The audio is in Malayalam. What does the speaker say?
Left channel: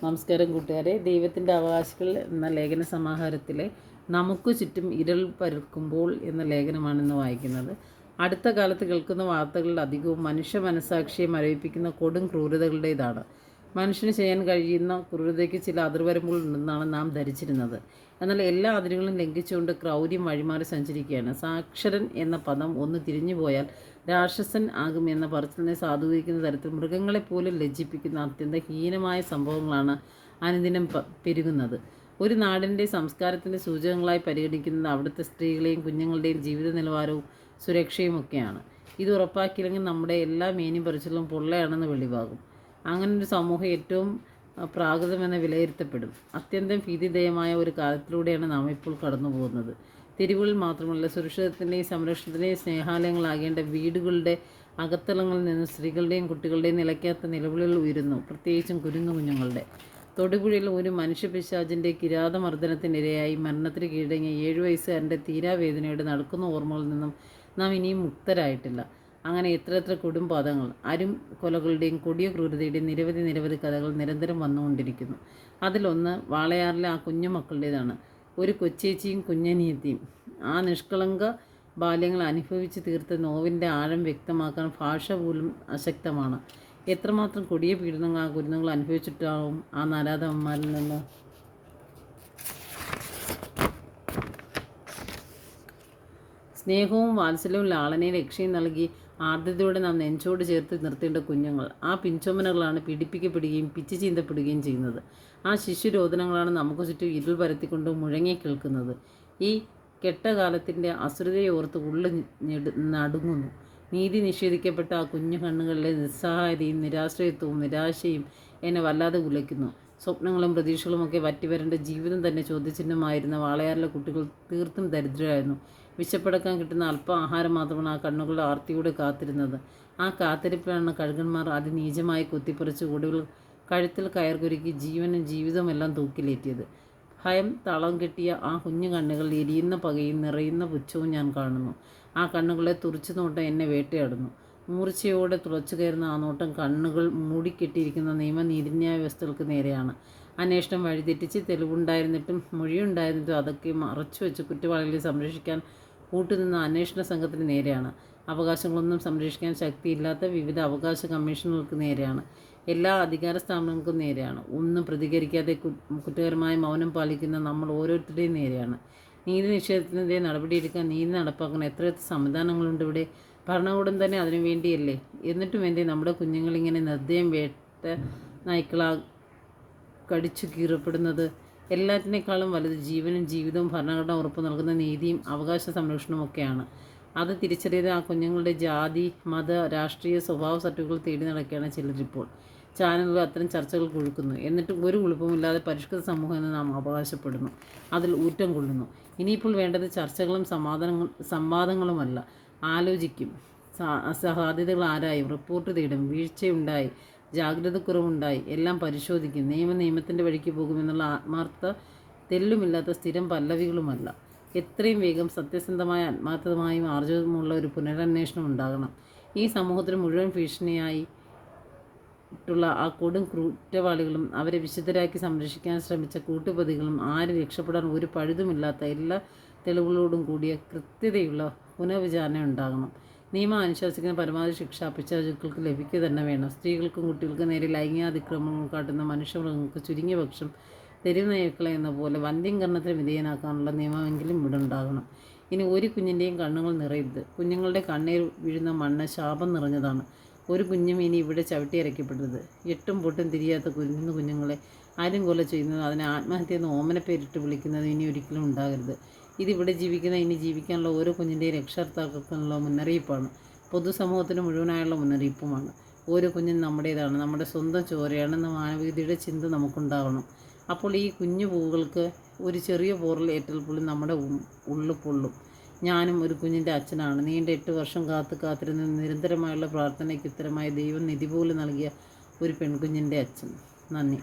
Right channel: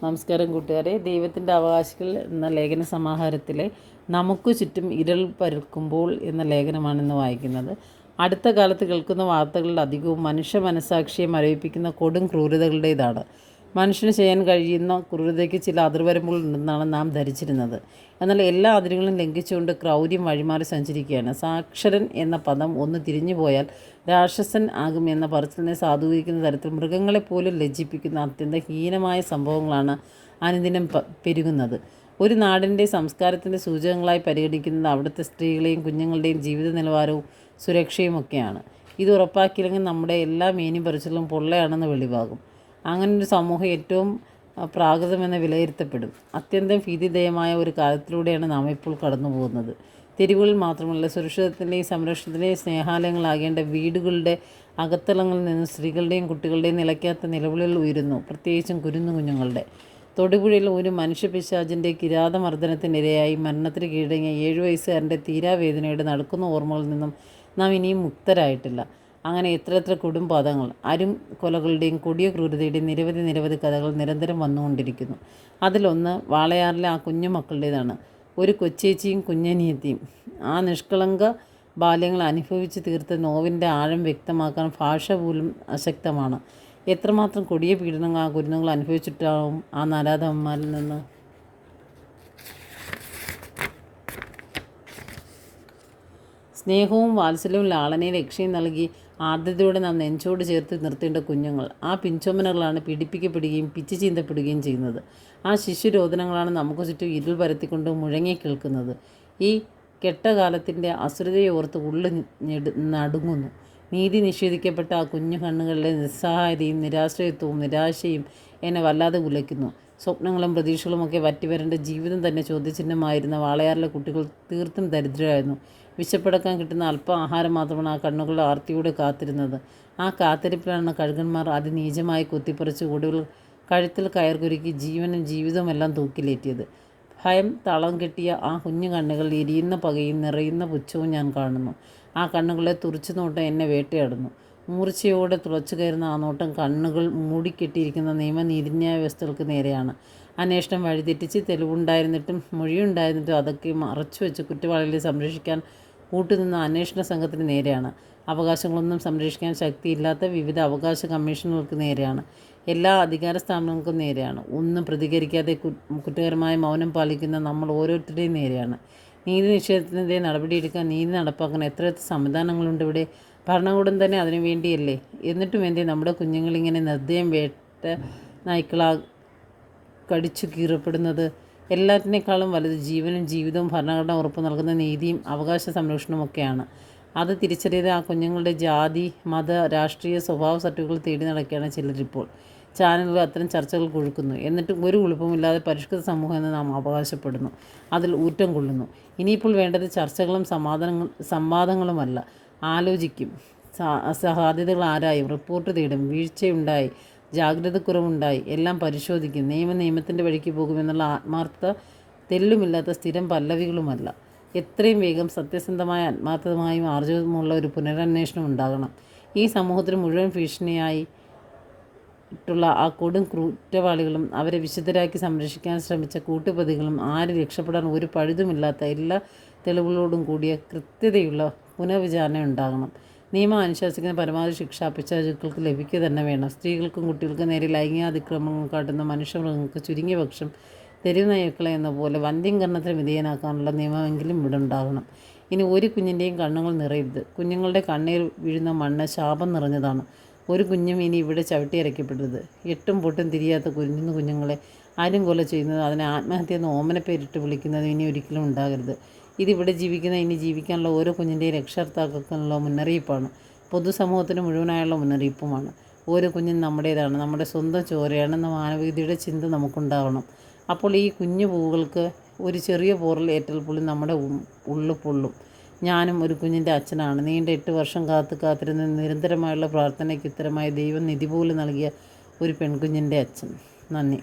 നമസ്കാരം കൂട്ടുകാരെ. ദൈവത്തിൻ്റെ അവകാശികൾ എന്ന ലേഖന സമാഹാരത്തിലെ നമുക്ക് ചുറ്റും ഇരുൾ പരക്കുമ്പോൾ എന്ന ലേഖനമാണിന്ന് വായിക്കുന്നത്. അടുത്ത കാലത്ത് കേൾക്കുന്ന വാർത്തകളിൽ അധികവും മനുഷ്യ മനസ്സാക്ഷിയെ മരവിപ്പിക്കുന്ന കൊടും ക്രൂരതകളുടേതാണ്. മനുഷ്യന് ചെയ്യാൻ കഴിയുന്ന ക്രൂരതയ്ക്ക് ചില അതിർവരമ്പുകൾ ഉണ്ടെന്നാണ് നാം ധരിച്ചിരുന്നത്. എന്നാൽ എല്ലാ അതിരുകളും ലംഘിച്ചുകൊണ്ട് ക്രൗര്യം വഴിമാറി സഞ്ചരിക്കുകയാണ്. സാക്ഷരൻ എന്ന പദം ഒന്ന് തിരിഞ്ഞുപോയാൽ രാക്ഷസൻ ആകും എന്ന പറച്ചിലിനെ സാധൂകരിക്കുന്ന തരത്തിൽ മൃഗങ്ങളെപ്പോലും ലജ്ജിപ്പിക്കുന്ന അത്യന്തം ഹീനമായ സംഭവങ്ങളാണ് അനുദിനം പെരുകുന്നത്. ഒരു നാടിൻ്റെ സംസ്കാരത്തിൻ്റെ സൂചകങ്ങളായി പരിഗണിക്കുന്നത് അവിടുത്തെ സ്ത്രീകളെയും കുഞ്ഞുങ്ങളുടെയും ജീവിത നിലവാരവും സുരക്ഷയുമൊക്കെയാണ്. ഇത് ഉറപ്പാക്കിയില്ലെങ്കിൽ നമ്മുടെ എല്ലാ മേനിയും പറിച്ചിലും പൊള്ളയാണെന്ന് വെളിവാകും. അങ്ങനൊരു സമൂഹം ഏറ്റവും പ്രാകൃതമെന്ന് വിലയിരുത്തപ്പെടും. അത്യന്തം ഭീതിദയമായ ഒരു കാലത്തിലൂടെയാണ് നാം ഇപ്പോൾ കടന്നു പോകുന്നത്. തെരുവുകളിൽ മാത്രമല്ല, സുരക്ഷിതത്തിൻ്റെയും സംരക്ഷണത്തിൻ്റെയും സ്നേഹാലയങ്ങളാകേണ്ട വീടുകളുടെ അകത്തളങ്ങളിൽ നിന്ന് സ്ത്രീകളുടെയും കുട്ടികളുടെയും നിലയ്ക്കാത്ത നിലവിളികൾ ഉയരുന്നു. പ്രത്യേകിച്ചും കുഞ്ഞുങ്ങളുടെ. തൊടുപുഴയിൽ ഒരു മനുഷ്യപിശാചിൻ്റെ കിരാതമർദ്ദനത്തിനിരയായി മരണത്തിന് കീഴടങ്ങിയ 7 വയസ്സുകാരൻ്റെ തീരാവേദനയുടെ നടക്കുന്ന ഓർമ്മകളിൽ നിന്നും നാം ഇനിയും മുക്തരായിട്ടില്ല. അങ്ങനെ എത്ര കുടുംബാതങ്ങൾ, കൊലകളുടെയും കൊടിയ ക്രൂരതയുടെയും നിരവധി കഥകൾ നിരന്തരം വന്നുകൊണ്ടിരിക്കുന്നു. അതിലൊന്ന് വാളയാറിലെ ആ കുഞ്ഞുമക്കളുടേതാണ്. ഒരു കൊച്ചേച്ചിയും കുഞ്ഞനിയത്തിയും. ആ നിഷ്കളങ്ക ബാല്യങ്ങൾ അനുഭവിച്ച് തീർത്ത നോവിൻ്റെ ആഴം വ്യക്തമാക്കാൻ ഭാഷ പോലും അശക്തമാണ്. എത്രമാത്രം കൊടിയ പീഡനങ്ങൾ ആ കുരുന്നുകൾ അനുഭവിച്ചിട്ടാവും ആ നാരാധവന്മാരിൽ നിന്ന്. സ്നേഹവും വാത്സല്യവും ലാളനയും രക്ഷയും നൽകി ആർദ്രതയോടെ നാം നെഞ്ചോട് ചേർത്ത് നിർത്തേണ്ട കുഞ്ഞുങ്ങൾ. ആ പിഞ്ചോമനകളാണ് പീഡിപ്പിക്കപ്പെടുകയും പിച്ചു ചീന്തപ്പെടുകയും ചെയ്യുന്നത്. ആ ശിശുരോധനങ്ങളാണ് നമുക്ക് ചുറ്റും ഇരുൾ പരത്തിക്കൊണ്ട് മുഴങ്ങി കേൾക്കുന്നത്. ഈ കെട്ടകാലത്തിൻ്റെ അസുരതയെ ഓർത്ത് ഉള്ളു നടുങ്ങുന്നു. നീതി നിഷേധിക്കപ്പെട്ട ആ കുഞ്ഞു കണ്ണുകളിലെ നിസ്സഹായതയും നിരാശ്രയത്വവും നിരാശയും എന്നെ വല്ലാതെ ഉലയ്ക്കുന്നു. സ്വപ്നങ്ങളും പ്രതീക്ഷകളുമൊക്കെ വറ്റിവരേണ്ട ജീവിതം തന്നെ ചോദ്യചിഹ്നമായിരുന്ന വാളയാറിലെ കുട്ടികൾ തീർത്തും ദരിദ്രരായിരുന്നു. വിശപ്പടക്കാൻ കിട്ടുന്ന അല്പം ആഹാരം മാത്രമാണ് ആ കണ്ണുകളുടെ ആർത്തിയോടെ കാത്തിരുന്നത്. ആ കാത്തിരിപ്പിലാണ് കഴുകന്മാർ അതിനീചമായി കുത്തിപ്പറിച്ച് ഒടുവിൽ കഴുത്തിൽ കയർ കുരുക്കി ജീവനും ജീവിതവുമെല്ലാം തൂക്കിലേറ്റിയത്. ഭയം തളം കെട്ടിയ ആ കുഞ്ഞു കണ്ണുകൾ എരിയുന്ന പകയും നിറയുന്ന പുച്ഛവും ഞാൻ കാണുന്നു. ആ കണ്ണുകളെ തുറച്ചു നോട്ടം എന്നെ വേട്ടയാടുന്നു. മൂർച്ചയോടെ തുളച്ചു കയറുന്ന ആ നോട്ടം കണ്ണുകൾ മൂടിക്കെട്ടിയിരിക്കുന്ന നിയമനീതിന്യായ വ്യവസ്ഥകൾക്ക് നേരെയാണ്. അന്വേഷണം വഴിതെറ്റിച്ച് തെളിവുണ്ടായിരുന്നിട്ടും മൊഴിയുണ്ടായിരുന്നിട്ടും അതൊക്കെ മറച്ചു വെച്ച് കുറ്റവാളികളെ സംരക്ഷിക്കാൻ കൂട്ടുനിന്ന അന്വേഷണ സംഘത്തിന് നേരെയാണ്. അവകാശങ്ങളൊന്നും സംരക്ഷിക്കാൻ ശക്തിയില്ലാത്ത വിവിധ അവകാശ കമ്മീഷനുകൾക്ക് നേരെയാണ്. എല്ലാ അധികാര സ്ഥാപനങ്ങൾക്കും നേരെയാണ്. ഒന്നും പ്രതികരിക്കാതെ കുറ്റകരമായ മൗനം പാലിക്കുന്ന നമ്മൾ ഓരോരുത്തരുടെയും നേരെയാണ്. നീതി നിഷേധത്തിനെതിരെ നടപടിയെടുക്കാൻ, നീതി നടപ്പാക്കാൻ എത്ര സംവിധാനങ്ങളുണ്ട് ഇവിടെ. ഭരണകൂടം തന്നെ അതിനു വേണ്ടിയല്ലേ. എന്നിട്ടും എന്തേ നമ്മുടെ കുഞ്ഞുങ്ങളിങ്ങനെ നിർദ്ദയം വേട്ട നായ്ക്കളാ കടിച്ചു കീറപ്പെടുന്നത്? എല്ലാറ്റിനേക്കാളും വലുത് ജീവനും ജീവിതവും ഭരണഘടന ഉറപ്പു നൽകുന്ന നീതിയും അവകാശ സംരക്ഷണവുമൊക്കെയാണ്. അത് തിരിച്ചറിയാതെ ആ കുഞ്ഞുങ്ങളുടെ ജാതി, മത, രാഷ്ട്രീയ സ്വഭാവ സർട്ടിഫിക്കറ്റുകൾ തേടി നടക്കുകയാണ് ചിലരിപ്പോൾ. ചാനലുകൾ അത്തരം ചർച്ചകൾ കൊഴുക്കുന്നു. എന്നിട്ടും ഒരു കുഴപ്പമില്ലാതെ പരിഷ്കൃത സമൂഹം എന്ന് നാം അവകാശപ്പെടുന്നു. അതിൽ ഊറ്റം കൊള്ളുന്നു. ഇനിയിപ്പോൾ വേണ്ടത് ചർച്ചകളും സംവാദങ്ങളുമല്ല. ആലോചിക്കും, സാധ്യതകൾ ആരായും, റിപ്പോർട്ട് തേടും, വീഴ്ചയുണ്ടായി, ജാഗ്രതക്കുറവുണ്ടായി, എല്ലാം പരിശോധിക്കും. നിയമത്തിൻ്റെ വഴിക്ക് പോകുമെന്നുള്ള ആത്മാർത്ഥത തെല്ലുമില്ലാത്ത സ്ഥിരം പല്ലവികളുമല്ല. എത്രയും വേഗം സത്യസന്ധമായ, ആത്മാർത്ഥമായും ആർജവമുള്ള ഒരു പുനരന്വേഷണം ഉണ്ടാകണം. ഈ സമൂഹത്തിന് മുഴുവൻ ഭീഷണിയായിട്ടുള്ള ആ കൊടും കുറ്റവാളികളും അവരെ വിശുദ്ധരാക്കി സംരക്ഷിക്കാൻ ശ്രമിച്ച കൂട്ടുപ്രതികളും ആര് രക്ഷപ്പെടാൻ ഒരു പഴുതുമില്ലാത്ത എല്ലാ തെളിവുകളോടും കൂടിയ കൃത്യതയുള്ള പുനർവിചാരണ ഉണ്ടാകണം. നിയമം അനുശാസിക്കുന്ന പരമാവധി ശിക്ഷ പിശാചുക്കൾക്ക് ലഭിക്കുക തന്നെ വേണം. സ്ത്രീകൾക്കും കുട്ടികൾക്കും നേരെ ലൈംഗികാതിക്രമങ്ങൾ കാട്ടുന്ന മനുഷ്യമൃഗങ്ങൾക്ക് ചുരുങ്ങിയ പക്ഷം തെരുവ് നായ്ക്കളെ എന്ന പോലെ വന്ധ്യംകരണത്തിന് വിധേയനാക്കാനുള്ള നിയമമെങ്കിലും ഇവിടെ ഉണ്ടാകണം. ഇനി ഒരു കുഞ്ഞിൻ്റെയും കണ്ണുകൾ നിറയരുത്. കുഞ്ഞുങ്ങളുടെ കണ്ണീർ വീഴുന്ന മണ്ണ് ശാപം നിറഞ്ഞതാണ്. ഒരു കുഞ്ഞും ഇനി ഇവിടെ ചവിട്ടിയരയ്ക്കപ്പെടരുത്. എട്ടും പൊട്ടും തിരിയാത്ത കുഞ്ഞുങ്ങളെ ആരും കൊല ചെയ്യുന്നത്, അതിനെ ആത്മഹത്യ എന്ന് ഓമനപ്പേരിട്ട് വിളിക്കുന്നത് ഇനി ഒരിക്കലും ഉണ്ടാകരുത്. ഇതിവിടെ ജീവിക്കുന്ന, ഇനി ജീവിക്കാനുള്ള ഓരോ കുഞ്ഞിൻ്റെയും രക്ഷകർത്താക്കൾക്കുള്ള മുന്നറിയിപ്പാണ്. പൊതുസമൂഹത്തിന് മുഴുവനായുള്ള മുന്നറിയിപ്പുമാണ്. ഓരോ കുഞ്ഞും നമ്മുടേതാണ്, നമ്മുടെ സ്വന്തം ചോരയാണെന്ന മാനവികതയുടെ ചിന്ത നമുക്കുണ്ടാവണം. അപ്പോൾ ഈ കുഞ്ഞു പൂവുകൾക്ക് ഒരു ചെറിയ പോറൽ ഏറ്റാൽ പോലും നമ്മുടെ ഉള്ളു പൊള്ളും. ഞാനും ഒരു കുഞ്ഞിൻ്റെ അച്ഛനാണ്. നീണ്ട 8 വർഷം കാത്തിരുന്ന നിരന്തരമായുള്ള പ്രാർത്ഥനയ്ക്ക് ഉത്തരമായി ദൈവം നിധി പോലെ നൽകിയ ഒരു പെൺകുഞ്ഞിൻ്റെ അച്ഛൻ. നന്ദി.